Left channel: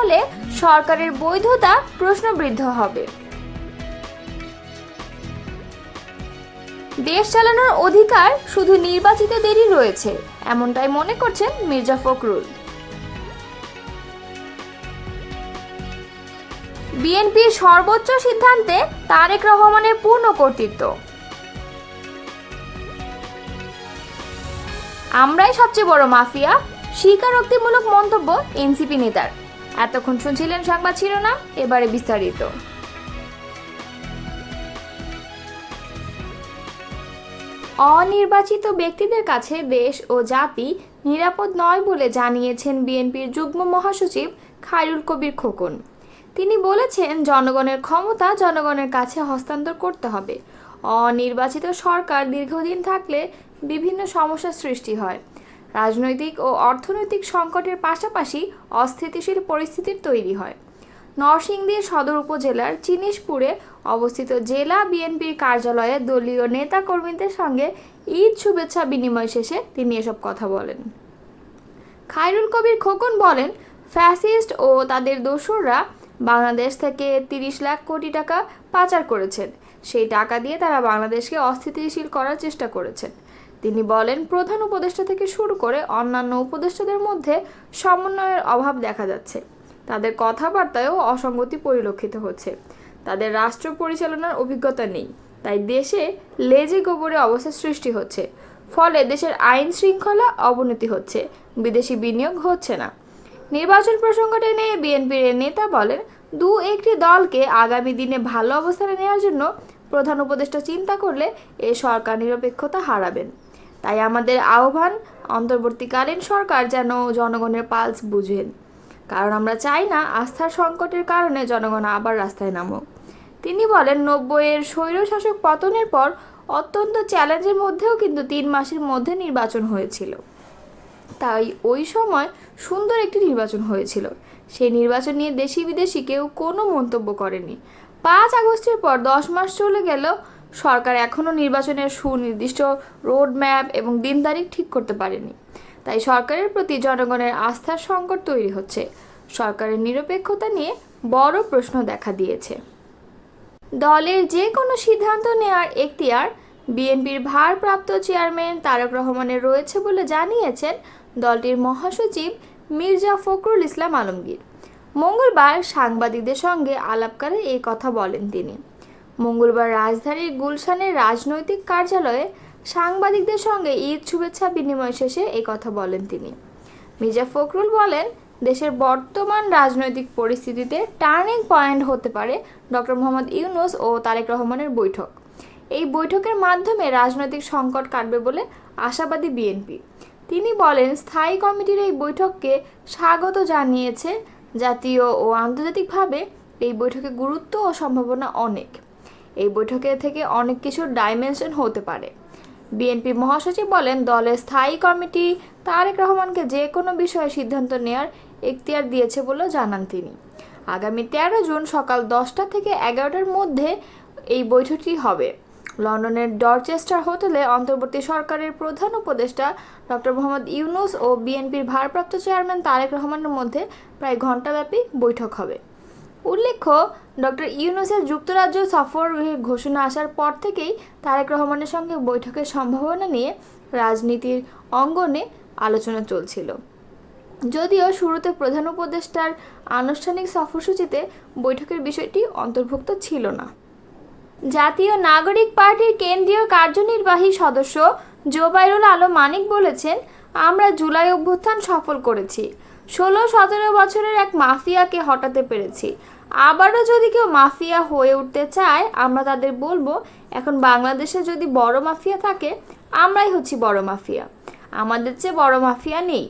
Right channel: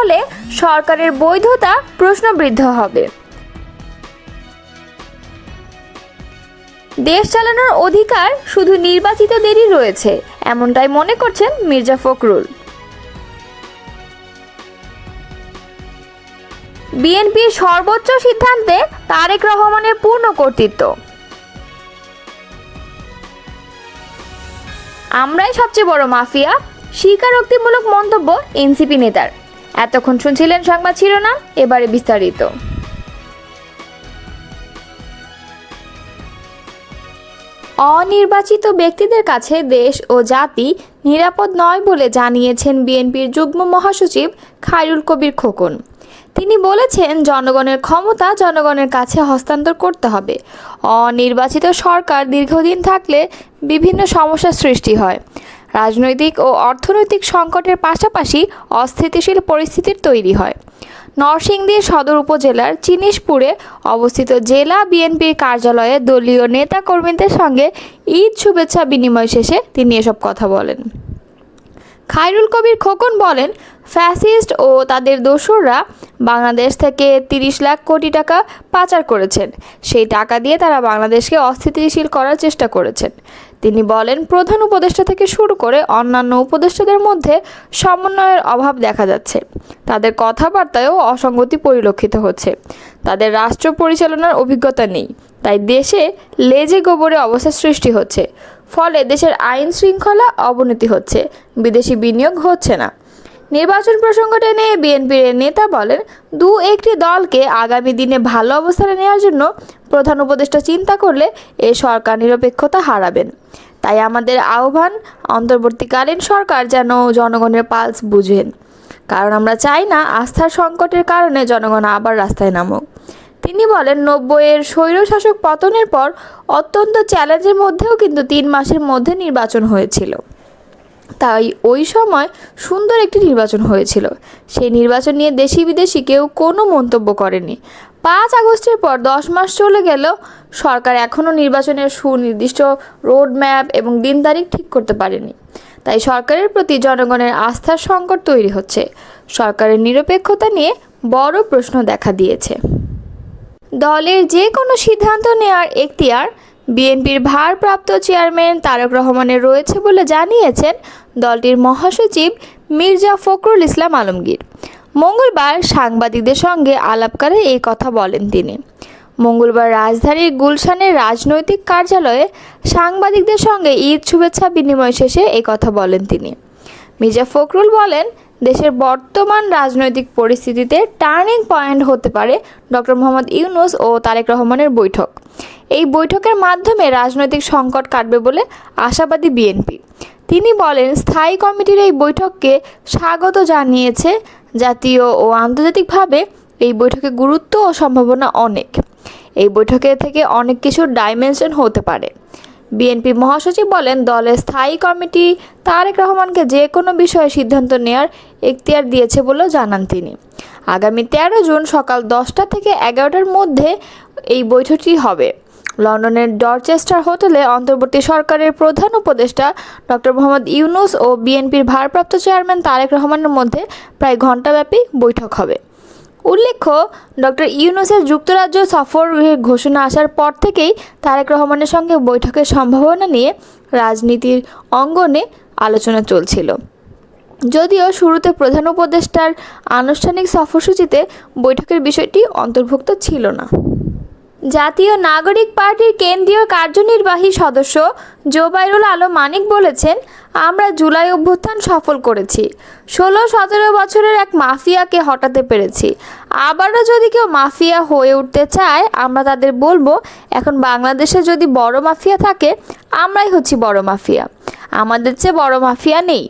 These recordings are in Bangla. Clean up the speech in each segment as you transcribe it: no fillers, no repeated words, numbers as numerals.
হলে সরকারের বৈধতা প্রশ্নবিদ্ধ হবে। দেশ চালানোর অধিকার শুধু নির্বাচিতদেরই রয়েছে, এমনটাই মনে করছেন মির্জা ফখরুল। বিএনপির সর্বোচ্চ সিদ্ধান্তে তারেক রহমানের পূর্ণ কর্তৃত্ব। আমরাই সবচেয়ে বড় মাফিয়া, স্বীকারোক্তিমূলক মন্তব্য এনসিপি নেতার। এতক্ষণ শুনছিলেন সংবাদ শিরোনাম, এবারে বিস্তারিত। অনির্বাচিত ব্যক্তিদের কাছে দেশ ও জাতি নিরাপদ নয় বলে জানিয়েছেন বিএনপির যুগ্ম মহাসচিব খায়রুল কবির খোকন। তিনি বলেছেন, জনগণের ক্ষমতা জনগণের কাছে হস্তান্তর করতে হবে। অনির্বাচিত সরকার দীর্ঘদিন থাকলে বিভিন্ন সমস্যার সৃষ্টি হয়। রাজনৈতিক ও অর্থনৈতিক সংকটের পাশাপাশি অস্থিতিশীল পরিস্থিতির তৈরি হয়। নরসিংদীর সদর উপজেলার চিনিশপুরে অবস্থিত জেলা বিএনপির কার্যালয়ে দলীয় নেতাকর্মীদের সঙ্গে ঈদ শুভেচ্ছা বিনিময় শেষে তিনি এসব কথা বলেন। খায়রুল কবির খোকন বলেন, ফ্যাসিস্ট ও তাদের দোসররা বাংলাদেশ থেকে 30 লাখ কোটি টাকা পাচার করেছেন। সেই টাকা দিয়ে তারা বাংলাদেশকে অস্থিতিশীল করার চেষ্টা করেছেন। তিনি বলেন, প্রধান উপদেষ্টা থেকে শুরু করে অন্যান্য উপদেষ্টাদের মধ্যে সমন্বয়ের অভাব দেখা যাচ্ছে। তাদের কথাবার্তায়ও অসঙ্গতি পরিলক্ষিত হচ্ছে। তাদের রাষ্ট্র পরিচালনার অভিজ্ঞতা নেই, তাই দেশে লেজে গোবরে অবস্থা সৃষ্টি হচ্ছে। ফলে দেশের আইন শৃঙ্খলা অবনতি হচ্ছে, বিদেশি বিনিয়োগ হচ্ছে না। নির্বাচন প্রসঙ্গ টেনে বিএনপির নেতা বলেন, একটি দলকে আগামী দিনে ভালো অবস্থানে নেওয়ার জন্য প্রধান উপদেষ্টা চিন্তা করলে এ সরকার নিরপেক্ষতা হারাবেন। তাই আমাদের আহ্বান, অন্তর্বর্তীকালীন সরকার যেন জনগণের পালস বুঝেন, কারণ আমরা চাই না আস্থার সংকটের কারণে জনগণ আবার রাস্তায় নামুক। তিনি বলেন, 90-এর স্বৈরশাসক পতনের পর অত্যন্ত চ্যালেঞ্জের মধ্যেও কিন্তু 3 মাসের মধ্যে নির্বাচন হয়েছিল। তাই ওই সময় সুন্দর একটি নির্বাচন হয়েছিল। সেই নির্বাচন নিয়ে দেশি বিদেশি কেউ কোনো মন্তব্য করেনি। 5 আগস্টের পর 10 মাস চলে গেল, সরকার এখনও নির্বাচনের সুনির্দিষ্ট রোড ম্যাপ এবং দিন তারিখ ঠিক করতে পারেনি। তাই সরকারের প্রতি জনগণের আস্থার সংকট তৈরি হচ্ছে। সরকারের নিরপেক্ষতা নিয়ে বড় প্রশ্ন দেখা দিয়েছে। দলের যে কোনো সিদ্ধান্ত নেওয়ার এখতিয়ার বিএনপির ভারপ্রাপ্ত চেয়ারম্যান তারেক রহমানের রয়েছে বলে জানিয়েছেন দলটির মহাসচিব মির্জা ফখরুল ইসলাম আলমগীর। মঙ্গলবার সাংবাদিকদের সঙ্গে আলাপকালে এই কথা বলেন তিনি। মঙ্গলবার রাজধানীর গুলশানের রাজনৈতিক কার্যালয়ে সাংবাদিকদের সঙ্গে ঈদ শুভেচ্ছা বিনিময় শেষে এই কথা বলেন তিনি। মির্জা ফখরুল বলেন, দেশের বর্তমান রাজনৈতিক পরিস্থিতিতে টার্নিং পয়েন্ট হতে পারে ডক্টর মোহাম্মদ ইউনূস ও তারেক রহমানের বৈঠক। এই বৈঠকের মাধ্যমে রাজনৈতিক সংকট কাটবে বলে আশাবাদী বিএনপি। তিনি বলেন, স্থায়ী কমিটির এই বৈঠককে স্বাগত জানিয়েছে জাতীয় ও আন্তর্জাতিকভাবে। এই বৈঠকের গুরুত্ব ও সম্ভাবনা অনেক। এই বৈঠকে থেকে অনেক কিছুর ডাইমেনশন হতে পারে। বিএনপি মহাসচিব বলেন, দলের স্থায়ী কমিটি তারেক রহমানকে যে কোনো বিষয়ে সিদ্ধান্ত নেওয়ার এখতিয়ার দিয়েছে বলেও জানান তিনি। আগামী 13 জুন সকাল 10টা থেকে 11টার মধ্যে এই বৈঠকটি হবে। লন্ডনের ডরচেস্টার হোটেলে অন্তর্বর্তী সরকারের প্রধান উপদেষ্টা ডক্টর মোহাম্মদ ইউনূস ও বিএনপির ভারপ্রাপ্ত চেয়ারম্যান তারেক রহমানের মধ্যে প্রায় ঘণ্টাব্যাপী বৈঠক হবে। উল্লেখ্য, ডক্টর ইউনূসের যুক্তরাজ্য সফর ঘোষণা আসার পর থেকেই তারেক রহমানের সঙ্গে বৈঠকের সম্ভাবনা নিয়ে রাজনীতির অঙ্গনে আলোচনা চলছিল। যদিও শুরুতে প্রধান উপদেষ্টার আনুষ্ঠানিক সফরসূচিতে বৈঠকের বিষয়টি অন্তর্ভুক্ত ছিল না। জাতীয় নাগরিক পার্টির কেন্দ্রীয় কার্যনির্বাহী সদস্য জোবাইরুল আলম মানিক বলেছেন, আমরা জুলাই অভ্যুত্থান সফল করেছি। 16-17 বছরের এক মাফিয়াকে হটাতে পেরেছি। আবারও যদি কেউ মাফিয়া হয়ে উঠতে চায়, আমরা তাদের বলবো, এখন বাংলাদেশে যদি বড় মাফিয়া থাকে, আমরাই হচ্ছি বড় মাফিয়া। আমাদের চেয়ে বড় মাফিয়া নেই।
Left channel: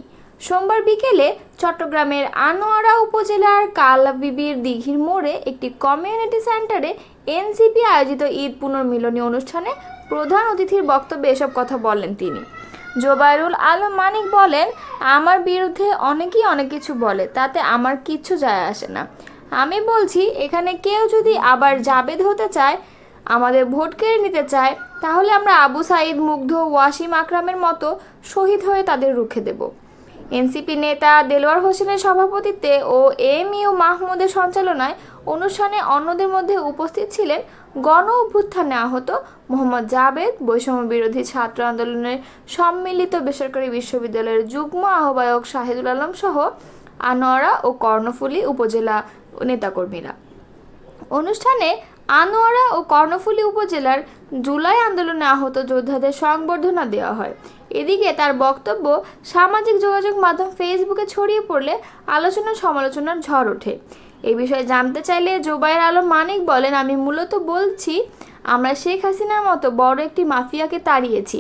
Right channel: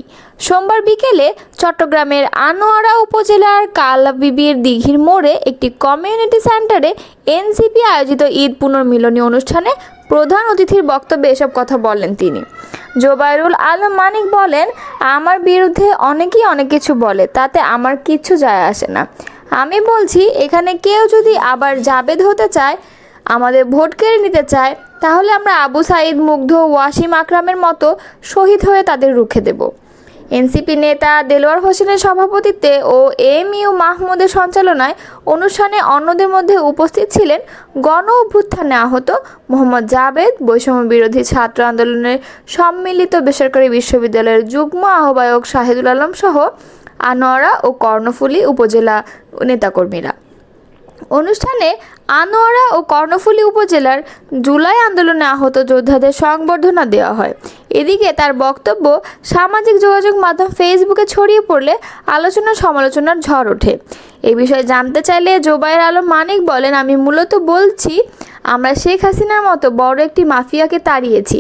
সোমবার বিকেলে চট্টগ্রামের আনোয়ারা উপজেলার কালাবিবির দিঘির মোড়ে একটি কমিউনিটি সেন্টারে এনসিপি আয়োজিত ঈদ পুনর্মিলনী অনুষ্ঠানে প্রধান অতিথির বক্তব্যে এসব কথা বলেন তিনি। জোবাইরুল আলম মানিক বলেন, আমার বিরুদ্ধে অনেকেই অনেক কিছু বলে, তাতে আমার কিচ্ছু যায় আসে না। আমি বলছি, এখানে কেউ যদি আবার জাবেদ হতে চায়, আমাদের ভোট কেড়ে নিতে চায়, তাহলে আমরা আবু সাঈদ, মুগ্ধ, ওয়াসিম আকরামের মতো শহীদ হয়ে তাদের রুখে দেব। এনসিপি নেতা দেলোয়ার হোসেনের সভাপতিত্বে ও এএমইউ মাহমুদের সঞ্চালনায় অনুষ্ঠানে অন্যদের মধ্যে উপস্থিত ছিলেন গণ অভ্যুত্থানে আহত মোহাম্মদ জাবেদ, বৈষম্য বিরোধী ছাত্র আন্দোলনের সম্মিলিত বেসরকারি বিশ্ববিদ্যালয়ের যুগ্ম আহ্বায়ক শাহিদুল আলম সহ আনোয়ারা ও কর্ণফুলী উপজেলা নেতাকর্মীরা। অনুষ্ঠানে আনোয়ারা ও কর্ণফুলী উপজেলার জুলাই আন্দোলনে আহত যোদ্ধাদের সংবর্ধনা দেওয়া হয়। এদিকে তার বক্তব্য সামাজিক যোগাযোগ মাধ্যম ফেসবুকে ছড়িয়ে পড়লে আলোচনা সমালোচনার ঝড় ওঠে। এ বিষয়ে জানতে চাইলে জোবায়ের আলম মানিক বলেন, আমি মূলত বলছি, আমরা শেখ হাসিনার মতো বড় একটি মাফিয়াকে তাড়িয়েছি।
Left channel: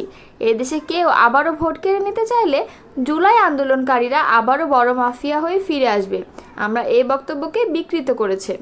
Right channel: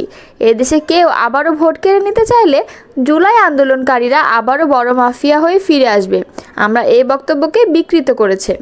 এদেশে কেউ আবারও ভোট কেড়ে নিতে চাইলে জুলাই আন্দোলনকারীরা আবারও বড় মাফিয়া হয়ে ফিরে আসবে। আমরা এই বক্তব্যকে বিকৃত করেছে।